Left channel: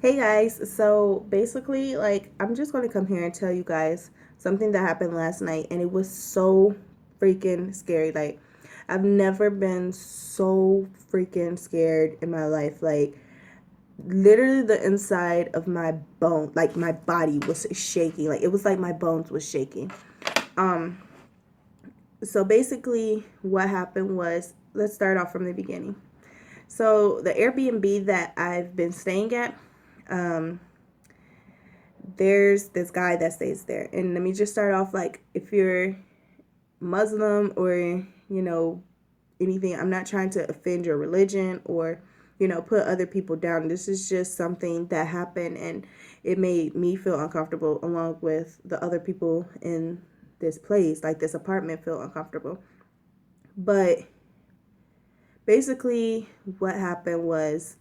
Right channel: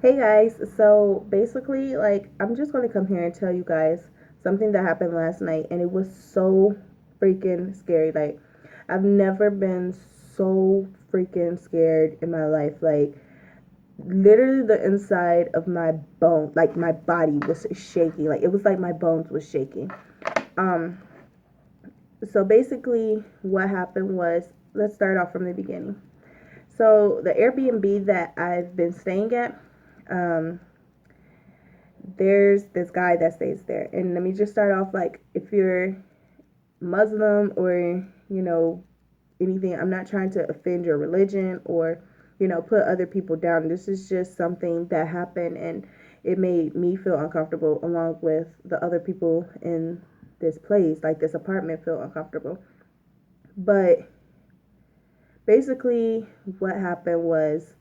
Hey guys, so basically, I'm just gonna come here and tell you guys something that happened last night, and it was so freaking scary. I've never been so freaking scared in my life. Literally, the inside of my bone, like my body was shaking. Like, it was like my bones was shaking. Um, so basically, what happened was, let's start off from the beginning. So, the Airbnb that I've been staying at, um, there's this guy that stays there. And let me just start off, like, if you're Muslim or, anything, I'm not trying to offend your religion or, put other people down. This is just something that happened, and it made me feel uncomfortable along with the other people in this place, like this apartment, feel uncomfortable. But basically, what happened was,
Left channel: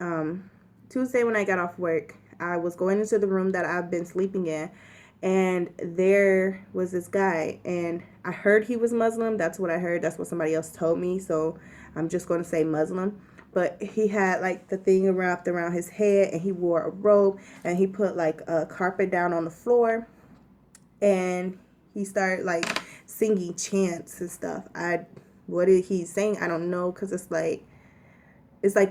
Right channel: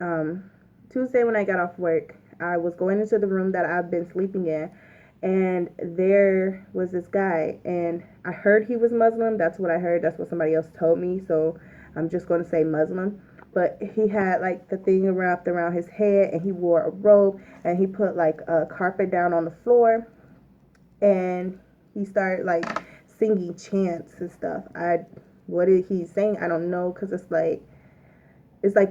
um, Tuesday when I got off work, I was going into the room that I've been sleeping in, and there was this guy, and I heard he was Muslim. That's what I heard. That's what somebody else told me. So I'm just going to say Muslim. But he had like the thing wrapped around his head, and he wore a robe, and he put like a carpet down on the floor, and he started like singing chants and stuff. What did he sing? I don't know, because it's like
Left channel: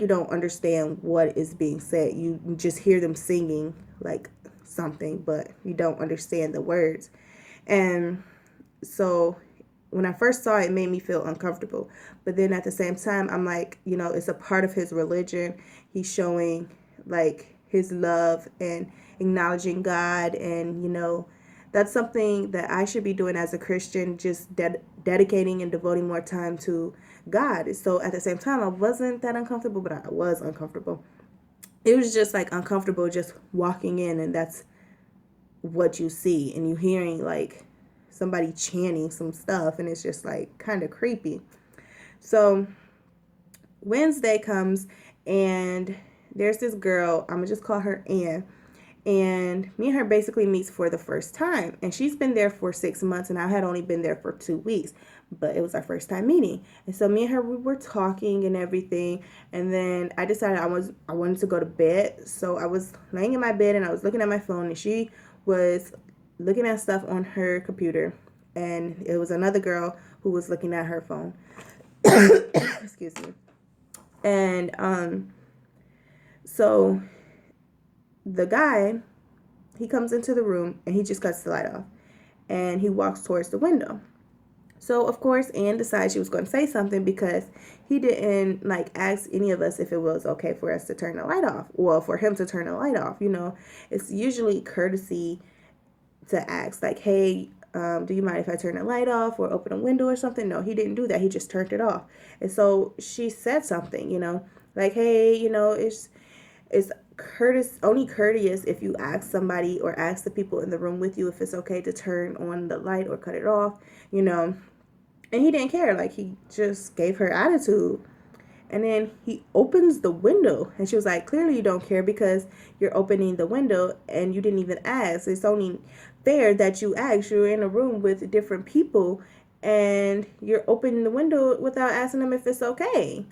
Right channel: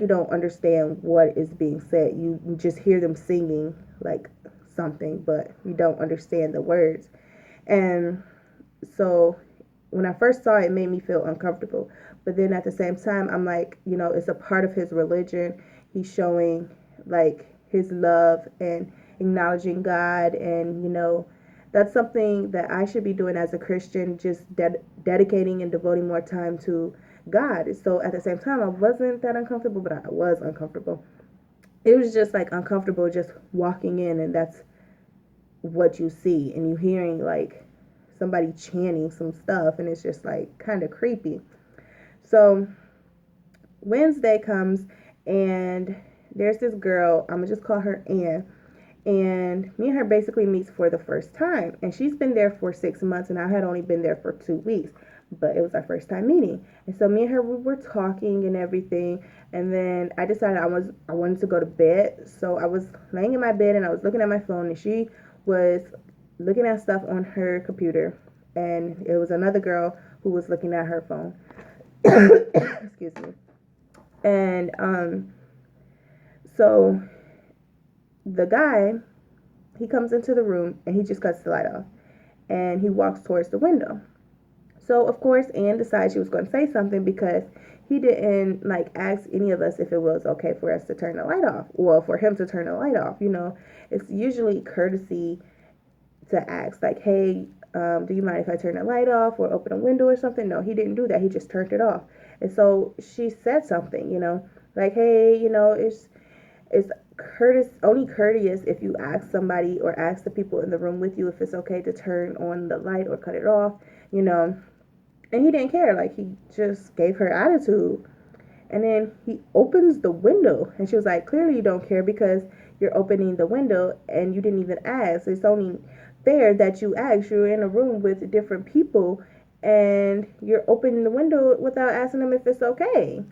you don't understand what is being said. You just hear them singing like something, but you don't understand the words. And so when I first saw it, it made me feel uncomfortable. But then at the same time, I'm like, it's a part of his religion. He's showing like his love and acknowledging God. And, that's something that I should be doing as a Christian, just dedicating and devoting more time to God. So at the same time, I wasn't that uncomfortable, but I was uncomfortable. It was just like uncomfortable just walking in, and that's what you see, and you hearing like somebody chanting some stuff, and it's just like kind of creepy. So Wednesday comes, and there's this girl, I'm gonna just call her Ann, and me and her basically meets for the first time, and she's been there for 6 months, and I had only been there for 2 weeks, but it was our first time meeting. And so me and her, we were talking and everything, and then I decided I wanted to go to bed. So I was laying in my bed, and I was looking at my phone, and she was looking at stuff on her computer, and it was another girl who was looking at her phone. Excuse me. And so the guy, he comes into the room, and he just cuts the light off, and he walks towards the window. So of course Anne decided she was going to say something, because he didn't like ask any of us if it was okay for us to turn the light off. Well, for him to turn the light off, it's usually courtesy to ask, like, hey, do you mind if I turn the light off or open a window or something? No, he didn't do that. He just turned it off. And so she said something, like, hey, it's only courteous if you ask somebody or ask the people in the room with you if it's okay to turn on the light or cut it off, you know. And he didn't care. Like, he just gave her attitude. And then he opens the window, and she was like, clearly you don't care, because you're opening the window and you didn't even ask. It's only fair that you ask. You're in a room with different people, and you're opening the window without asking them if it's okay.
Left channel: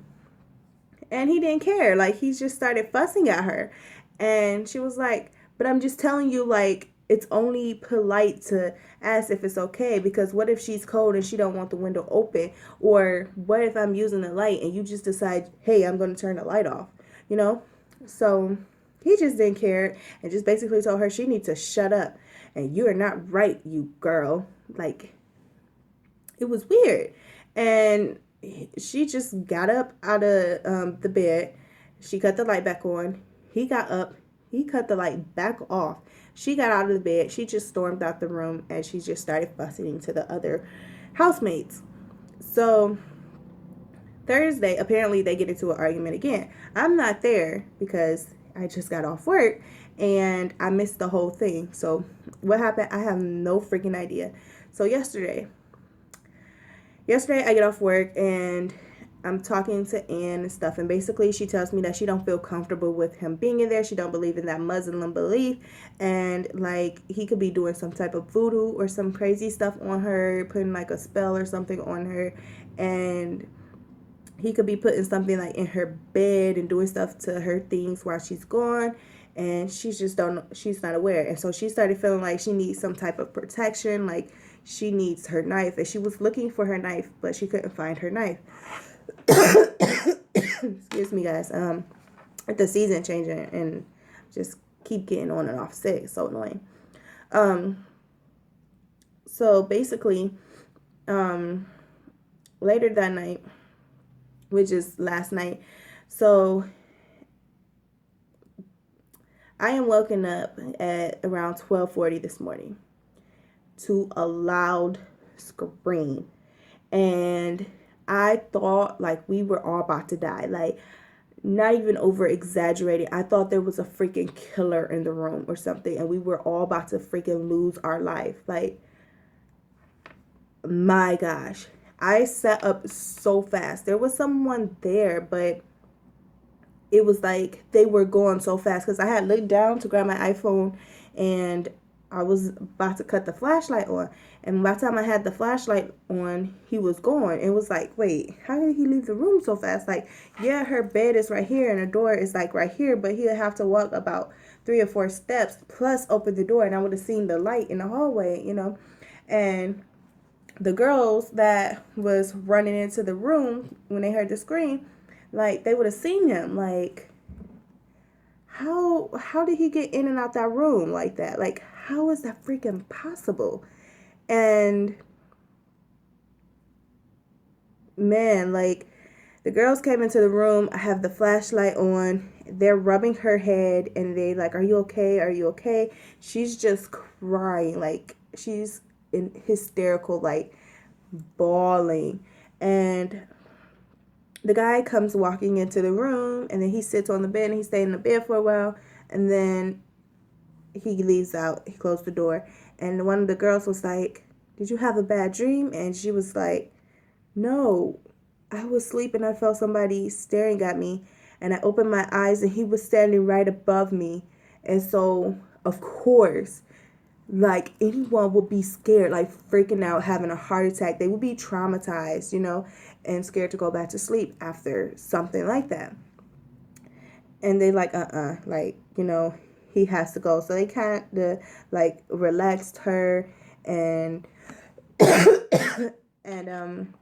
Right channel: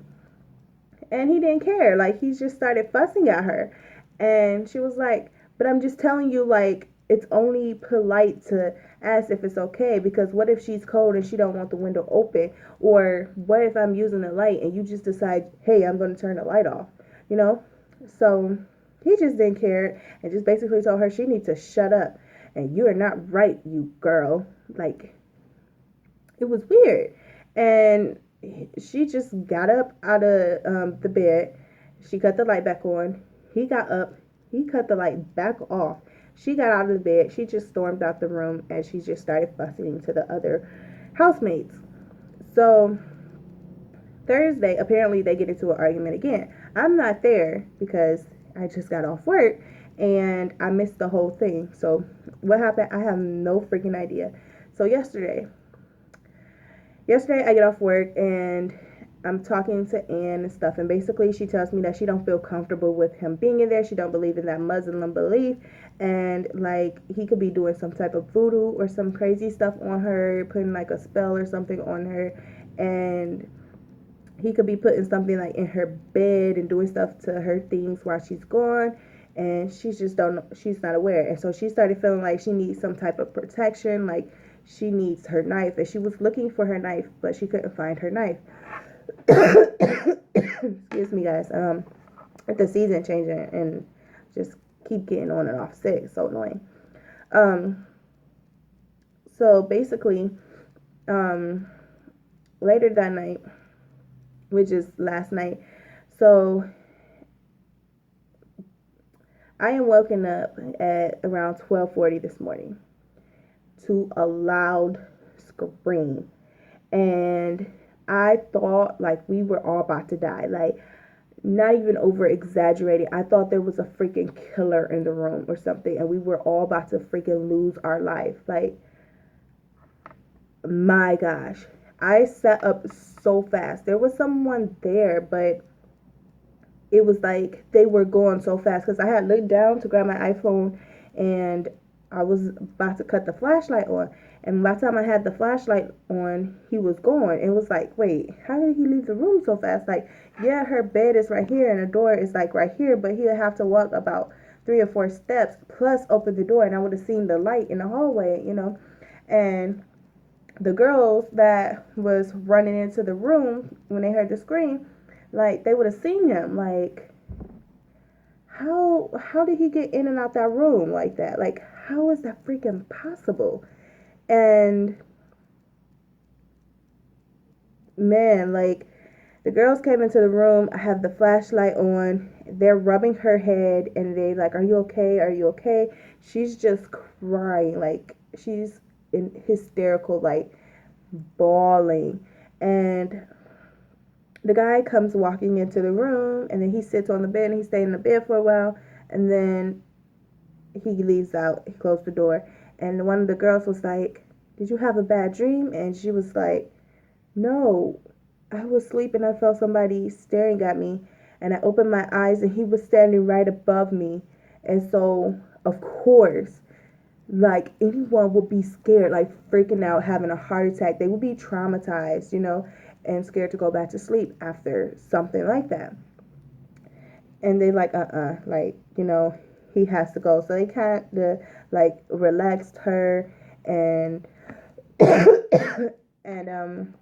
And he didn't care. Like, he just started fussing at her. And she was like, but I'm just telling you, like, it's only polite to ask if it's okay, because what if she's cold and she don't want the window open? Or what if I'm using the light and you just decide, hey, I'm going to turn the light off, you know? So he just didn't care, and just basically told her she needs to shut up, and you are not right, you girl. Like, it was weird. And she just got up out of the bed. She cut the light back on. He got up. He cut the light back off. She got out of the bed. She just stormed out the room, and she just started fussing to the other housemates. So Thursday, apparently they get into an argument again. I'm not there because I just got off work, and I missed the whole thing. So what happened? I have no freaking idea. So yesterday I get off work, and I'm talking to Ann and stuff, and basically she tells me that she don't feel comfortable with him being in there. She don't believe in that Muslim belief, and like he could be doing some type of voodoo or some crazy stuff on her, putting like a spell or something on her, and he could be putting something like in her bed and doing stuff to her things while she's gone. and she's not aware. And so she started feeling like she needs some type of protection, like she needs her knife, and she was looking for her knife, but she couldn't find her knife. Excuse me, guys. The season changing and just keep getting on and off sick. It's so annoying. So basically, later that night, which is last night, so I am woken up at around 12:40 this morning to a loud scream. And I thought like we were all about to die. Like, not even over exaggerating. I thought there was a freaking killer in the room or something, and we were all about to freaking lose our life. Like, my gosh. I sat up so fast. There was someone there, but it was like they were going so fast because I had looked down to grab my iPhone and I was about to cut the flashlight on. And by the time I had the flashlight on, he was gone. It was like, wait, how did he leave the room so fast? Like, yeah, her bed is right here and the door is like right here, but he'll have to walk about 3 or 4 steps plus open the door, and I would have seen the light in the hallway, you know. And the girls that was running into the room when they heard the scream, like they would have seen him. Like, how did he get in and out that room like that? Like, how is that freaking possible? And man, like, the girls came into the room. I have the flashlight on. They're rubbing her head and they like, are you okay? Are you okay? She's just crying. Like, she's in hysterical, like bawling. And the guy comes walking into the room, and then he sits on the bed and he stayed in the bed for a while, and then he leaves out. He closed the door, and one of the girls was like, did you have a bad dream? And she was like, no, I was sleeping. I felt somebody staring at me, and I opened my eyes and he was standing right above me. And so of course, like, anyone would be scared, like freaking out, having a heart attack. They would be traumatized, you know, and scared to go back to sleep after something like that. And they like, like, you know, he has to go. So they kind of like relaxed her. And and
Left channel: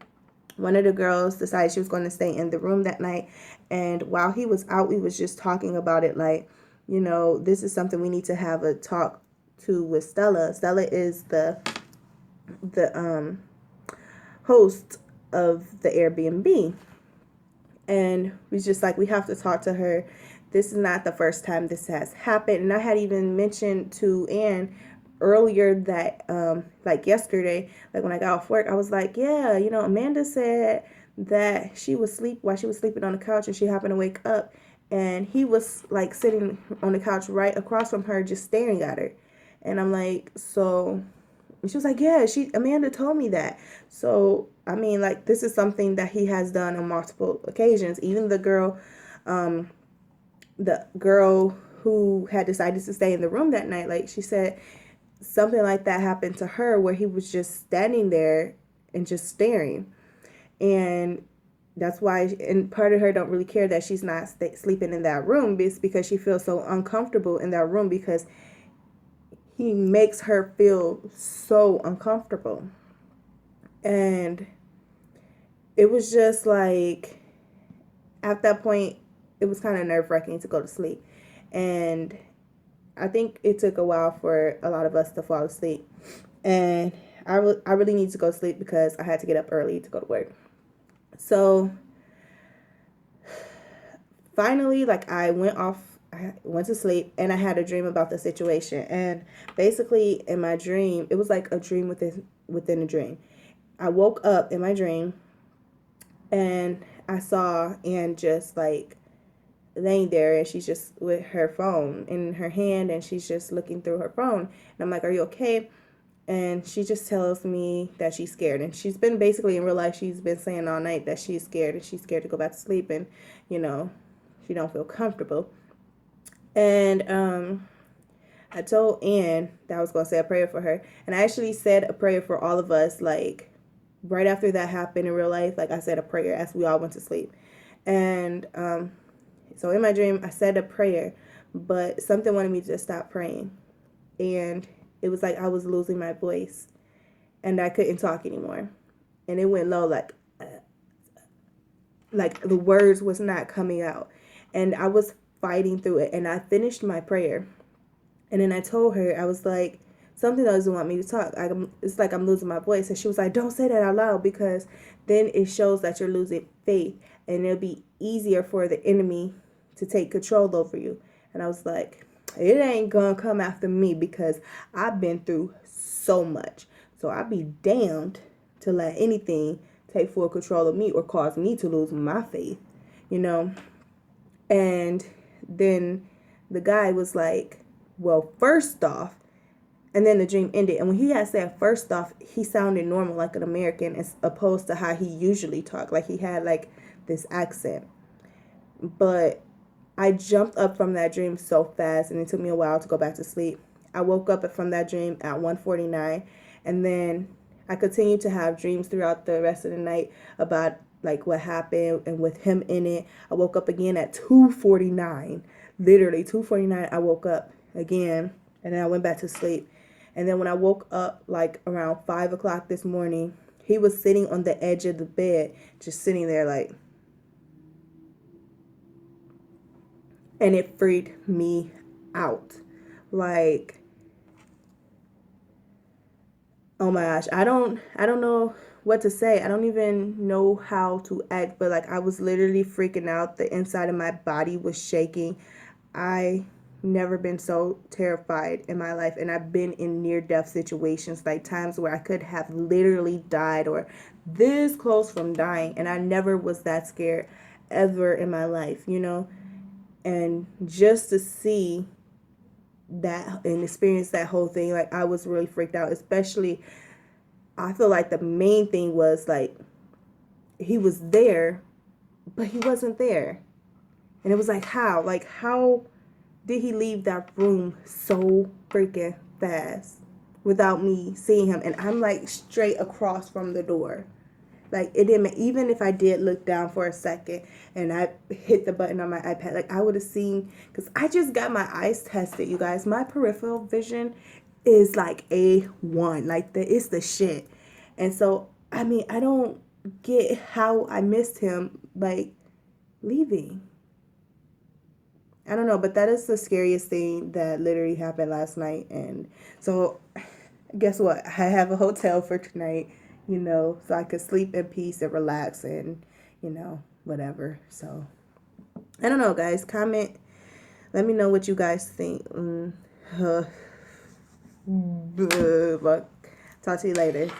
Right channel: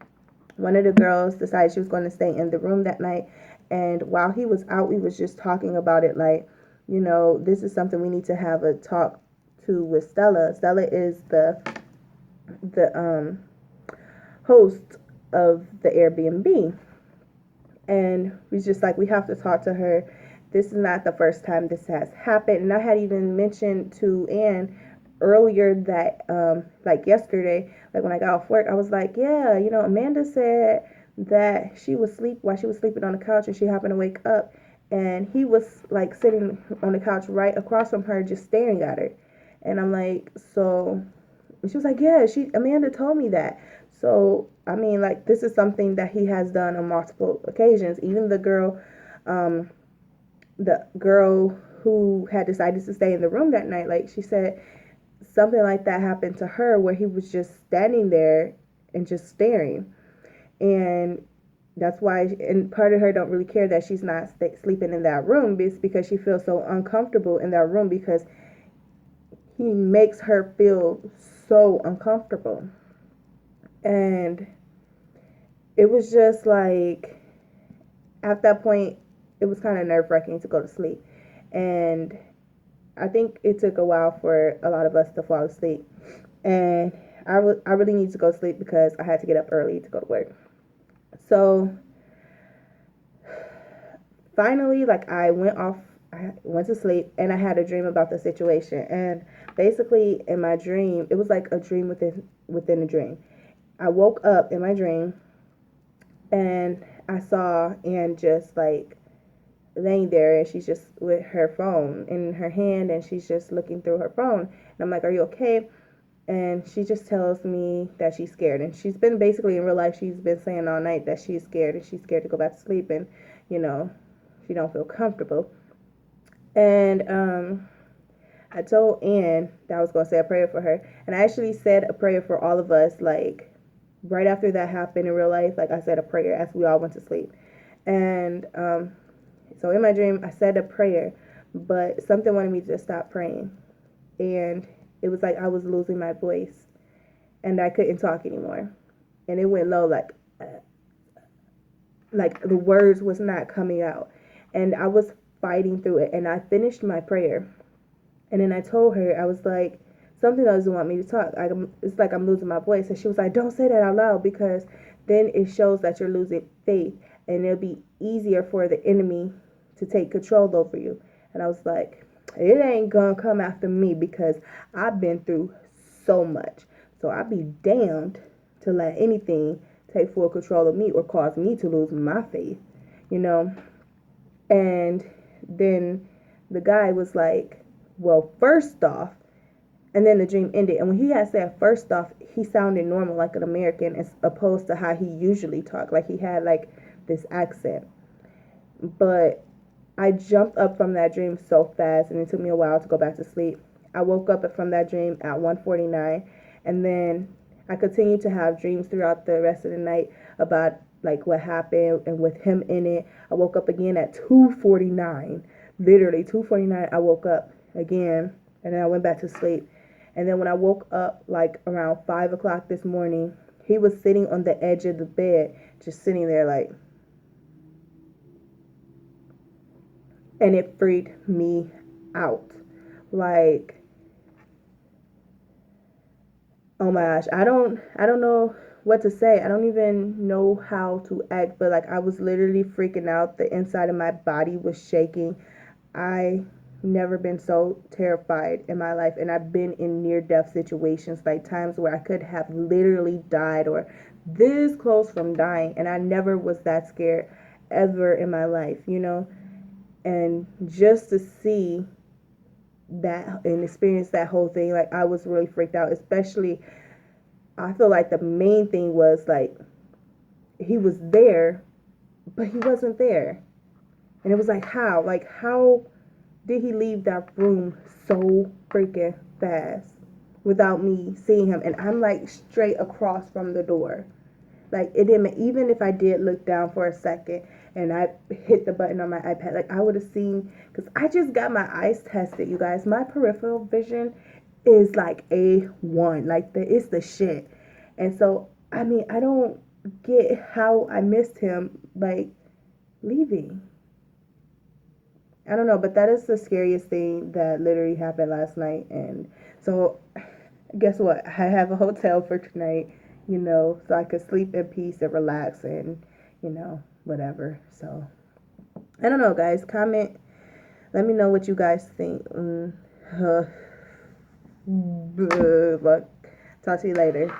one of the girls decided she was going to stay in the room that night. And while he was out, we was just talking about it, like, you know, this is something we need to have a talk to with Stella. Stella is the host of the Airbnb, and we just like, we have to talk to her. This is not the first time this has happened. And I had even mentioned to Anne earlier that like yesterday, like when I got off work, I was like, yeah, you know, Amanda said that she was while she was sleeping on the couch, and she happened to wake up and he was like sitting on the couch right across from her, just staring at her. And I'm like, so she was like, yeah, Amanda told me that. So I mean, like, this is something that he has done on multiple occasions. Even the girl who had decided to stay in the room that night, like she said, something like that happened to her where he was just standing there and just staring. And that's why, and part of her don't really care that she's not sleeping in that room, it's because she feels so uncomfortable in that room because he makes her feel so uncomfortable. And it was just like, at that point, it was kind of nerve-wracking to go to sleep. And I think it took a while for a lot of us to fall asleep. And I really need to go to sleep because I had to get up early to go to work. So finally, like, I went to sleep, and I had a dream about the situation. And basically, in my dream, it was like a dream within a dream. I woke up in my dream, and I saw Anne just like laying there, and she's just with her phone in her hand, and she's just looking through her phone. And I'm like, are you okay? And she just tells me that she's scared. And she's been basically, in real life, she's been saying all night that she's scared, and she's scared to go back to sleep, and, you know, she don't feel comfortable. And I told Anne that I was going to say a prayer for her. And I actually said a prayer for all of us, like, right after that happened in real life. Like, I said a prayer as we all went to sleep. And so in my dream, I said a prayer, but something wanted me to stop praying. And it was like I was losing my voice and I couldn't talk anymore. And it went low, like the words was not coming out. And I was fighting through it. And I finished my prayer. And then I told her, I was like, something doesn't want me to talk. It's like I'm losing my voice. And she was like, don't say that out loud, because then it shows that you're losing faith. And it'll be easier for the enemy to take control over you. And I was like, it ain't gonna come after me, because I've been through so much. So I'd be damned to let anything take full control of me or cause me to lose my faith, you know? And then the guy was like, well, first off, and then the dream ended. And when he had said first off, he sounded normal, like an American, as opposed to how he usually talked. Like he had like this accent. But I jumped up from that dream so fast, and it took me a while to go back to sleep. I woke up from that dream at 1:49, and then I continued to have dreams throughout the rest of the night about like what happened and with him in it. I woke up again at 2:49. Literally 2:49 I woke up again, and then I went back to sleep. And then when I woke up like around 5 o'clock this morning, he was sitting on the edge of the bed, just sitting there like, and it freaked me out. Like, oh my gosh, I don't know what to say. I don't even know how to act, but like I was literally freaking out. The inside of my body was shaking. I never been so terrified in my life, and I've been in near death situations, like times where I could have literally died or this close from dying, and I never was that scared ever in my life, you know? And just to see that and experience that whole thing, like I was really freaked out. Especially, I feel like the main thing was like he was there, but he wasn't there. And it was like, how did he leave that room so freaking fast without me seeing him? And I'm like straight across from the door. Like it didn't, even if I did look down for a second and I hit the button on my iPad, like I would have seen, because I just got my eyes tested, you guys. My peripheral vision is like A1, like it's the shit. And so, I mean, I don't get how I missed him, like leaving. I don't know, but that is the scariest thing that literally happened last night. And so, guess what? I have a hotel for tonight, you know, so I could sleep in peace and relax and, you know, whatever. So, I don't know, guys. Comment. Let me know what you guys think. But talk to you later.